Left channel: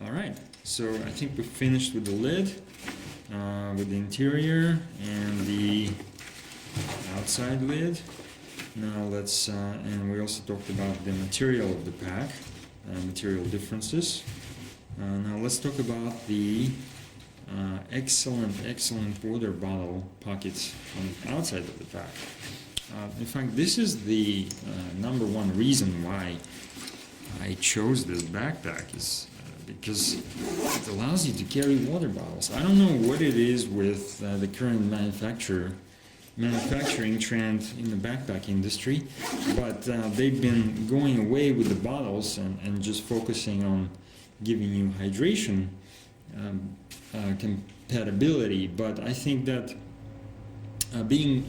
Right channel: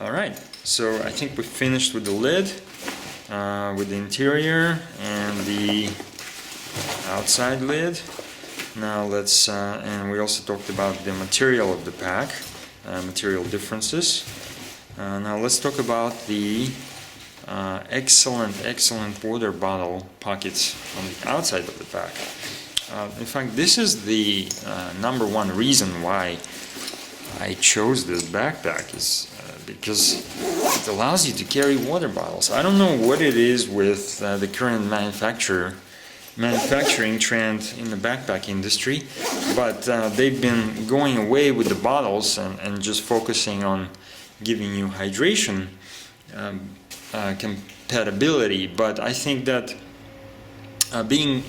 Alright, so I think we finished with the lid, with the interior and the outside lid. Now let's, and we also talked about the material of the pack, material differences. Now let's talk about the excellent water bottle pockets on the outside of the pack. In fact, this is the number one reason why I chose this backpack, is because it allows you to carry water bottles. I don't know what it is with the current manufacturing trend in the backpack industry, but they've been going away with the bottles and just focusing on giving you hydration compatibility. But I think that being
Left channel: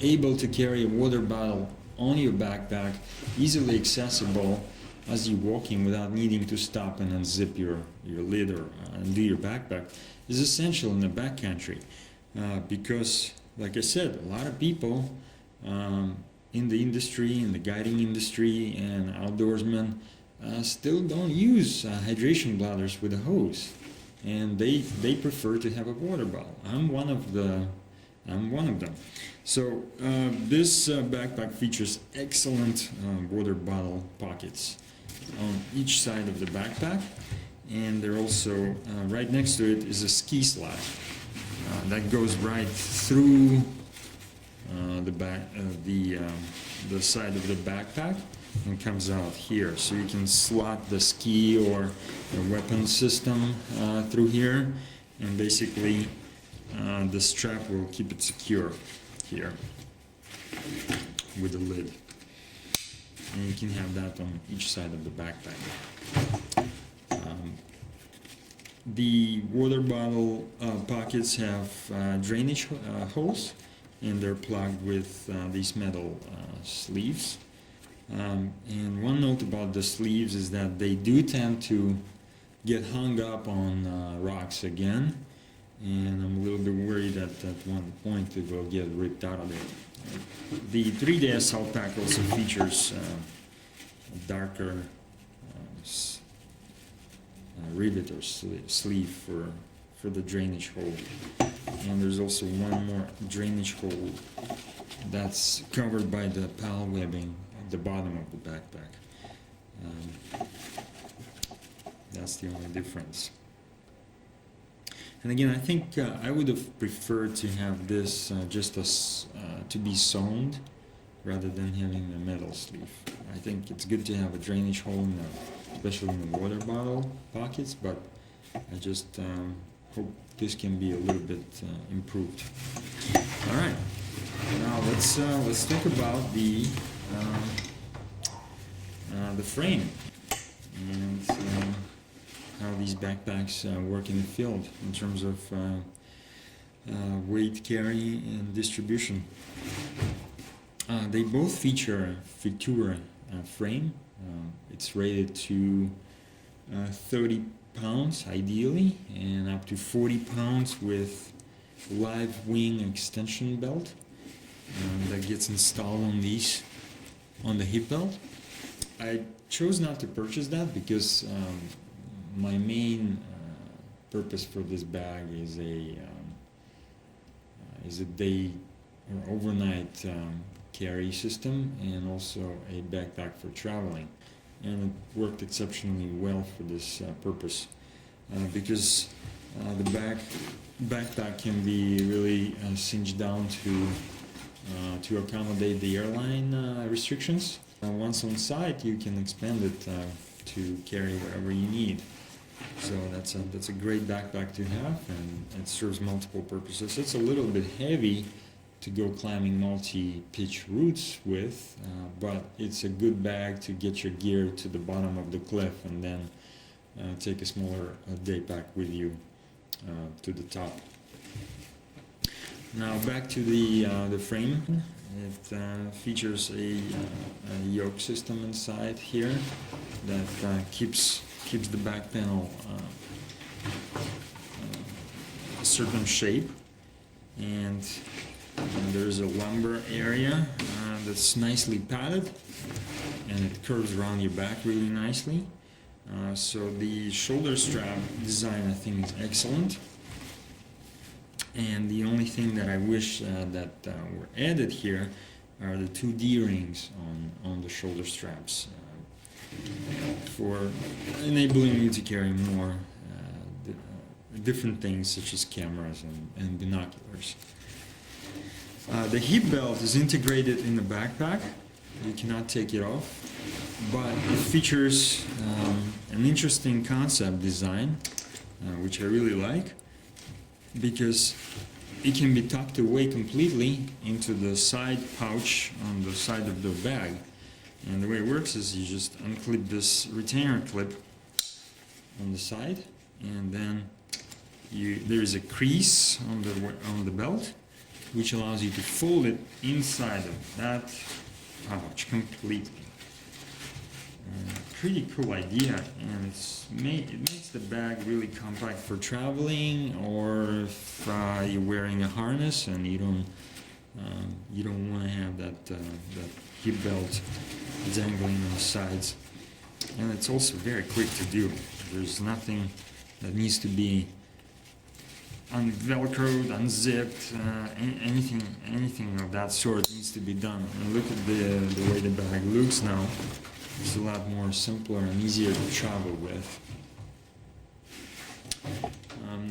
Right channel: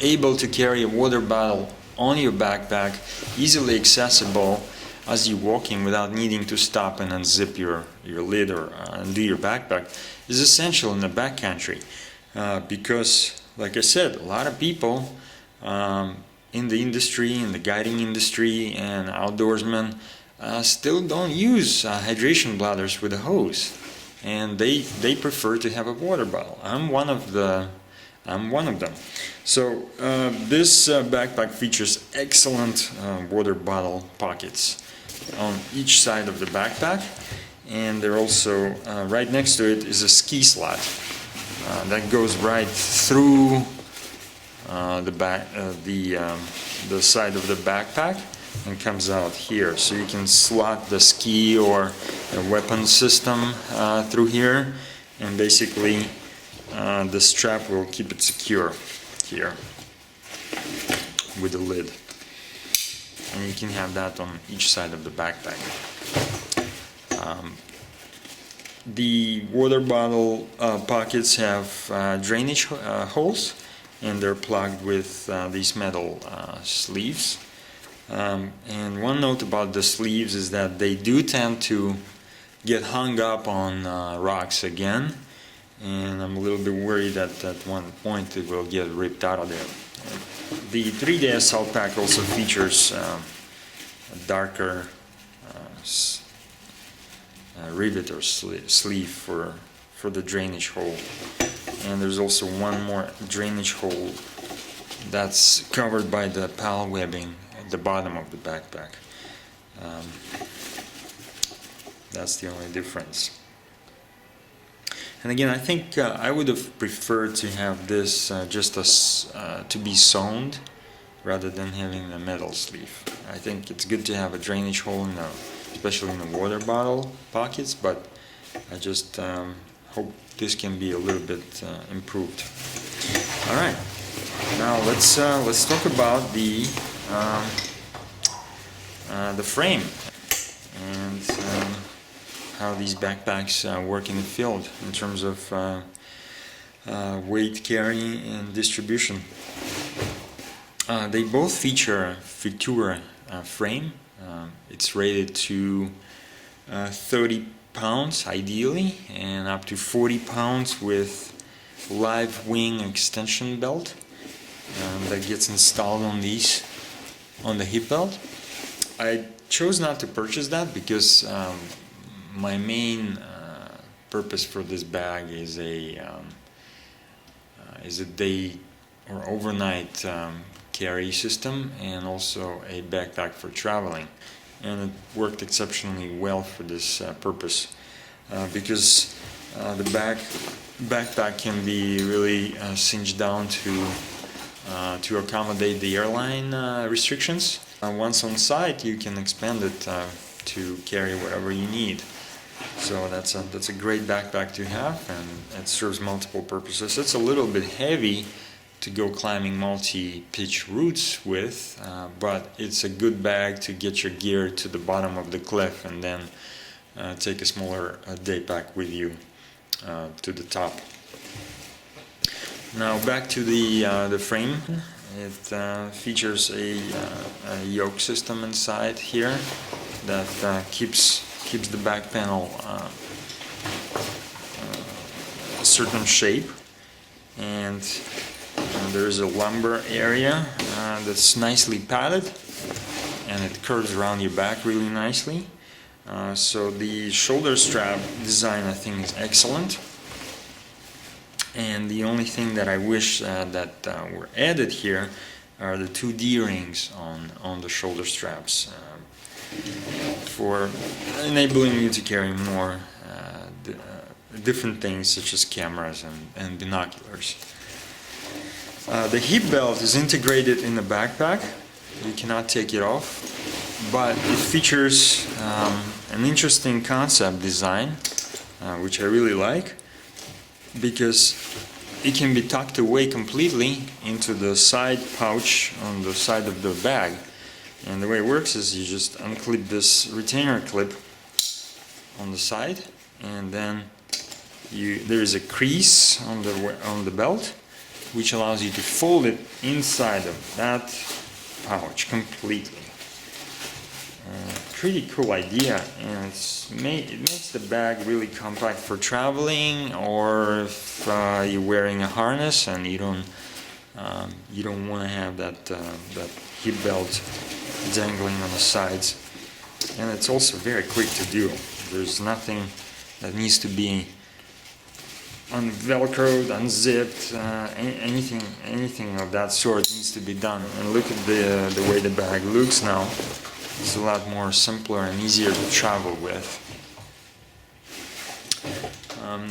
able to carry a water bottle on your backpack, easily accessible as you're walking without needing to stop and unzip your lid or undo your backpack, is essential in the backcountry. Because, like I said, a lot of people in the industry, in the guiding industry and outdoorsmen still don't use hydration bladders with a hose, and they prefer to have a water bottle. I'm one of them. So this backpack features excellent water bottle pockets on each side of the backpack, and they're also right next to it is a ski slot that goes right through the side of the backpack and comes out here. So you can slot the ski or a weapon system through here, and basically the strap will keep it secure here with the lid. And you can have that on each side of the backpack. The water bottle pockets have drainage holes, and they're plugged with these metal sleeves. And one note about the sleeves is that they do tend to get hung up on rocks again, and I'm a little bit worried that at one point it will get ripped out of there. The 3-day assault pack also features a darker rivet or sleeve for the drainage hole, and there's also one more drainage hole that's covered by the PAL webbing at the bottom of the backpack. That's the only difference. And again, I think I would have preferred to have this just as to be sewn rather than having a metal sleeve. I think it's good to have a drainage hole, especially in the water bottle pockets, but I just hope this can be a little bit improved. All right, now let's talk about the frame and how these backpacks work in the field in terms of weight carrying and distribution. They both feature a Futura frame. It's rated to 30 pounds ideally, and up to 40 pounds with live wing extension belt that gets installed on the hip belt. I chose not to purchase that because my main purpose for this bag is a day or overnight carry system, and also a backpack for traveling, and it worked exceptionally well for this purpose because the backpack can be really cinched down to accommodate the airline restrictions. Once on site, you can expand it to carry whatever you need. So that's a great backpack to have, and it serves multiple purposes. It's a little bit heavy to go climbing multi-pitch routes with, but it's a good bag to get your gear to the bottom of the cliff and then take a smaller day pack with you to the top. Now back to the frame. It features a yoke system inside here that keeps the back panel a certain shape, and there's a lumbar area that's nicely padded, and it curves around your back really nicely. So the shoulder strap design, I think, is excellent. And the only thing that I wish that were added here are the two D-rings on the shoulder straps for enabling you to carry more different things such as cameras and binoculars. The hip belt is integrated in the backpack. You cannot take it off, but it features an interesting concept design, which I really like, because it can be tucked away completely into the side pouch on the side of the bag. And the way it works is you just unclip this retainer clip on the side, and then there is a crease on the belt, which allows you to fold it inside of that pouch completely. Pretty cool idea, and it makes the bag really compact for traveling, or if you're wearing a harness and you don't want to have that hip belt dangling on the sides. And it's also very quick to do. There's nothing that needs to be velcroed, unzipped, anything of that sort needs to be done. And look at the way the bag looks now. It's a lot more simpler and easier to travel with.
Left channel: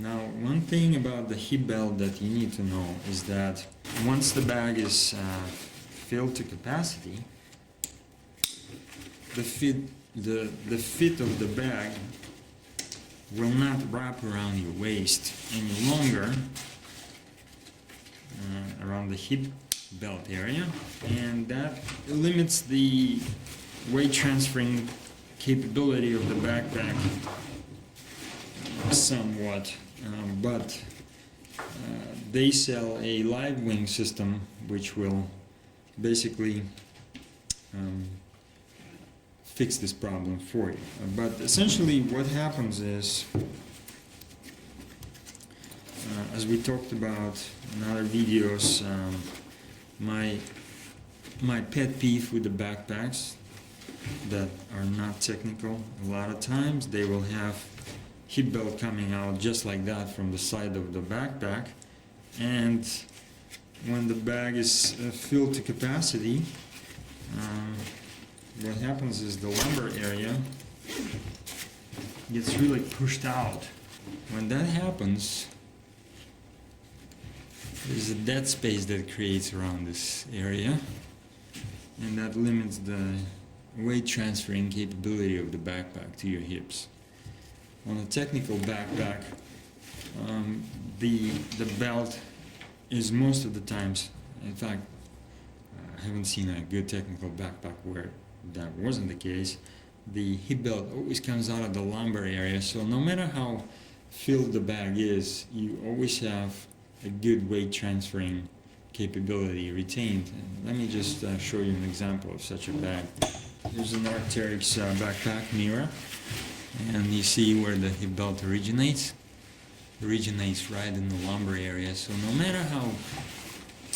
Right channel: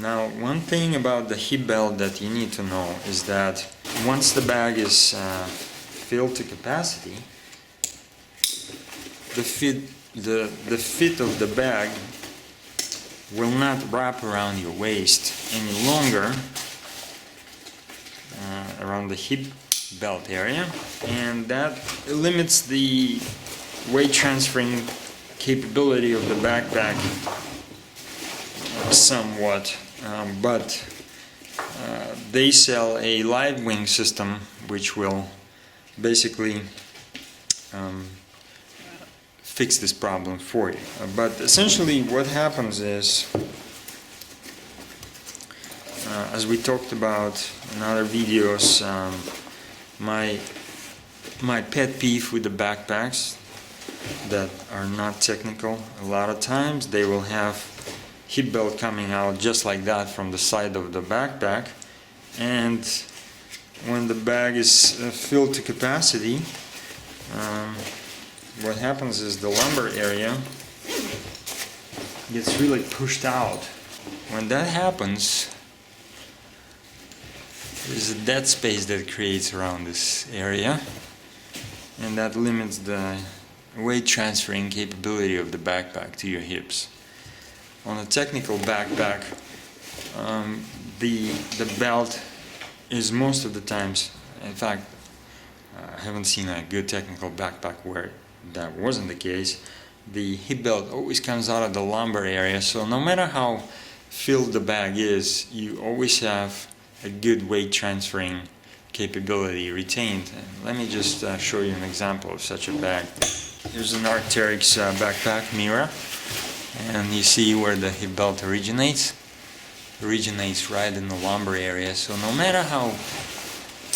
Now, one thing about the hip belt that you need to know is that once the bag is filled to capacity, the fit of the bag will not wrap around your waist any longer, around the hip belt area, and that limits the weight transferring capability of the backpack somewhat, but they sell a live wing system which will basically fix this problem for you. But essentially what happens is, as we talked about in other videos, my pet peeve with the backpacks that are not technical, a lot of times they will have hip belt coming out just like that from the side of the backpack, and when the bag is filled to capacity, what happens is the lumbar area gets really pushed out. When that happens, there's a dead space that creates around this area, and that limits the weight transferring capability of the backpack to your hips. On a technical backpack, the belt is most of the times, in fact, I haven't seen a good technical backpack where that wasn't the case. The hip belt always comes out of the lumbar area, so no matter how filled the bag is, you always have a good weight transferring capability retained. And let me just show you an example of such a bag. Here's an Arc'teryx backpack mirror, and you see where the hip belt originates right in the lumbar area. So no matter how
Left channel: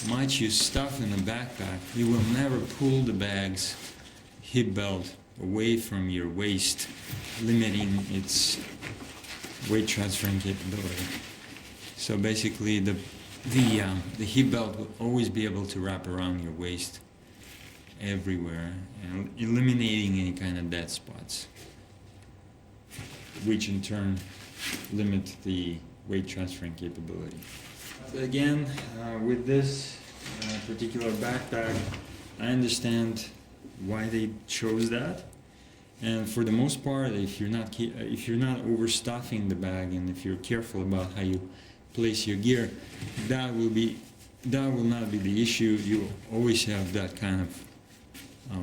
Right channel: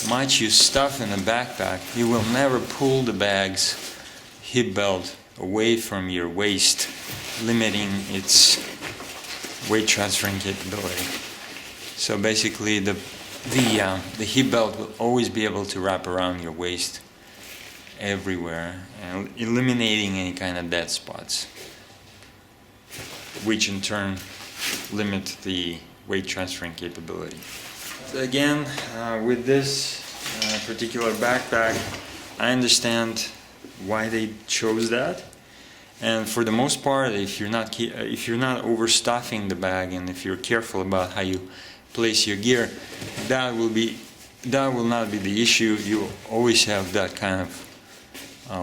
much you stuff in the backpack, you will never pull the bag's hip belt away from your waist, limiting its weight transferring capability. So basically the hip belt will always be able to wrap around your waist everywhere, and eliminating any kind of dead spots, which in turn limit the weight transferring capability. So again, with this particular backpack, I understand why they chose that, and for the most part, if you're not overstuffing the bag, and if you're careful about how you place your gear, that will not be the issue. You will always have that kind of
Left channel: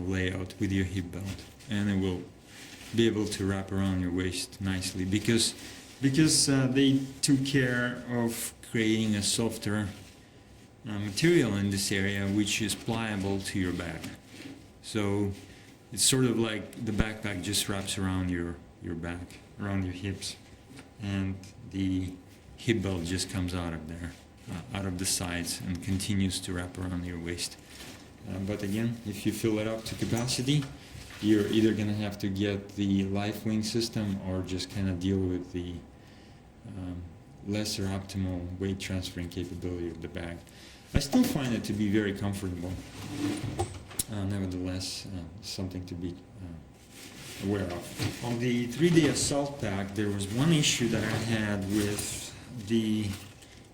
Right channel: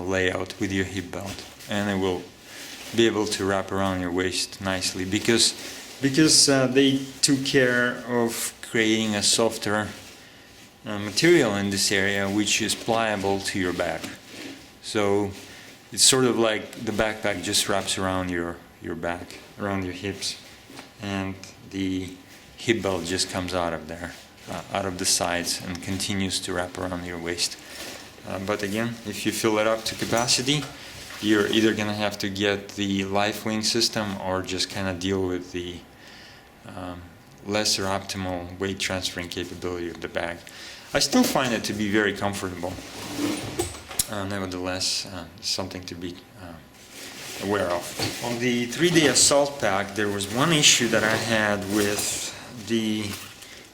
layout with your hip belt, and it will be able to wrap around your waist nicely, because they took care of creating a softer material in this area, which is pliable to your back. So it's sort of like the backpack just wraps around your back, around your hips, and the hip belt just comes out of there, out of the sides, and continues to wrap around your waist. But again, if you fill it up to capacity, you're either gonna have to get the LifeWing system or just kind of deal with the lesser optimal weight transferring capability of the bag. I still find it to be very comfortable. Nevertheless, something to be aware of. On the 3-day assault pack, there was one issue that I had with the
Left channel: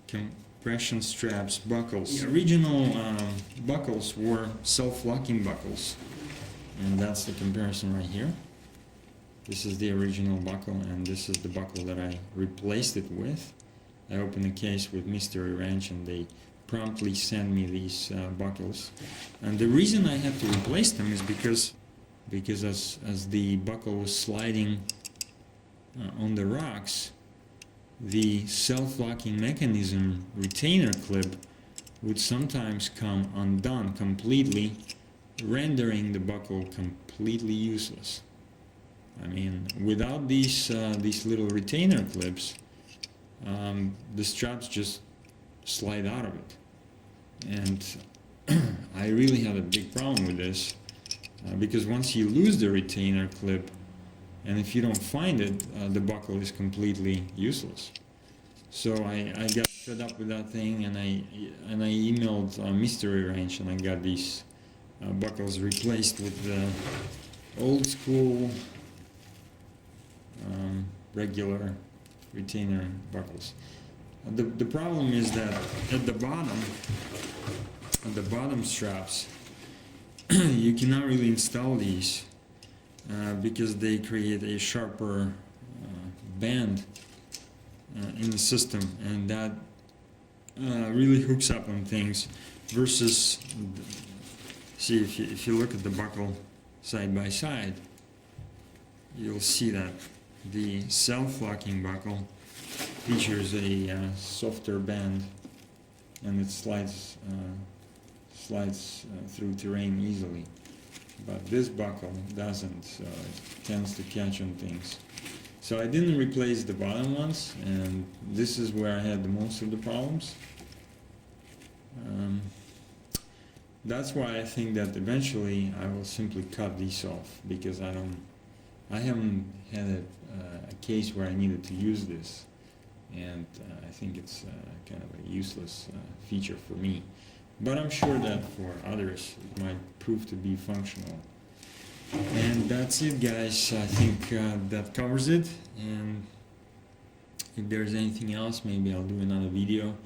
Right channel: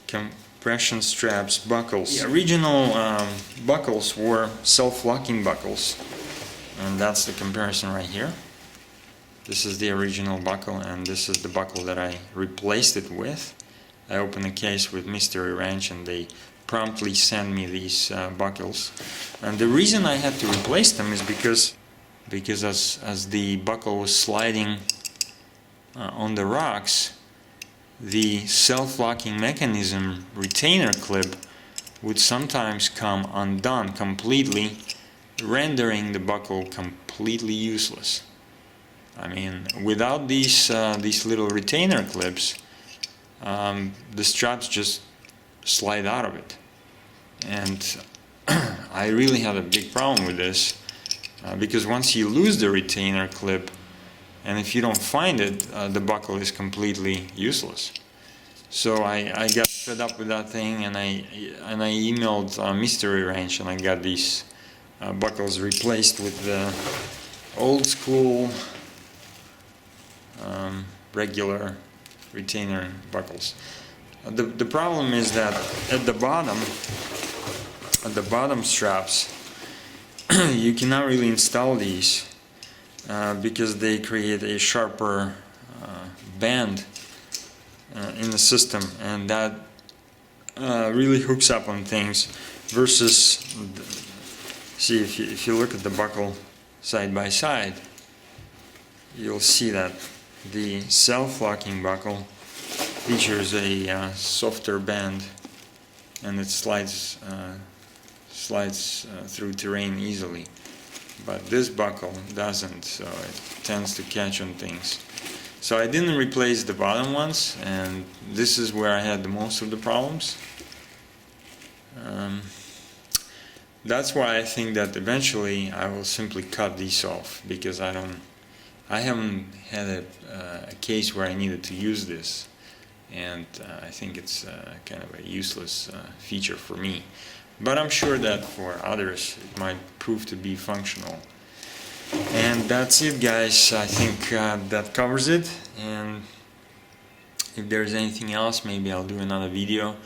compression straps buckles. The original buckles were self-locking buckles, and that's the comparison right here. This is the original buckle, and this is the buckle that I replaced it with. I opened the case with Mystery Ranch, and they promptly sent me these buckles. And the reason I had to replace them is because as the buckle was sliding on the rocks, the self-locking mechanism retainer clip would sometimes come undone completely, rendering the buckle completely useless. I mean, without these little retainer clips, the straps just slide out of it. And I really had a big problem with this, because once you lose the retainer clip, and if you don't find it, the buckle is completely useless. So I got fed up with that thing, and I emailed Mystery Ranch, and I got these buckles replaced with the old school regular retainer buckles. The problem is that at the bottom straps, you cannot really install these because they create a sharper band in the system, and that really hooks up on things. Versus, see, if you look at the buckle side by side, you'll see that the self-locking buckle features a softer band, and it slides through terrain easily. But this buckle doesn't, so it tends to catch on things. So I didn't replace the bottom ones, and this is where I had the most of the problems. That's why I think that eventually I will simply cut these off, because I haven't had a case where I needed to use this, and I think it's kind of a useless feature for me. But I'm sure that for others it might prove to be functional. And that's it, guys. I think that covers it, and if there's anything else, maybe I'll do another video.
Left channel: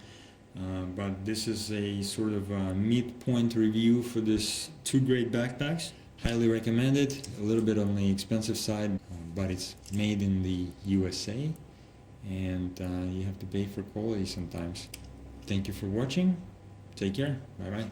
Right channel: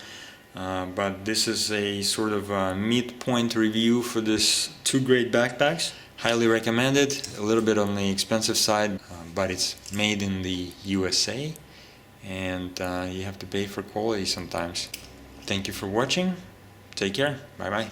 But this is a sort of a midpoint review for this two great backpacks. Highly recommended. A little bit on the expensive side, but it's made in the USA, and you have to pay for quality sometimes. Thank you for watching. Take care. Bye bye.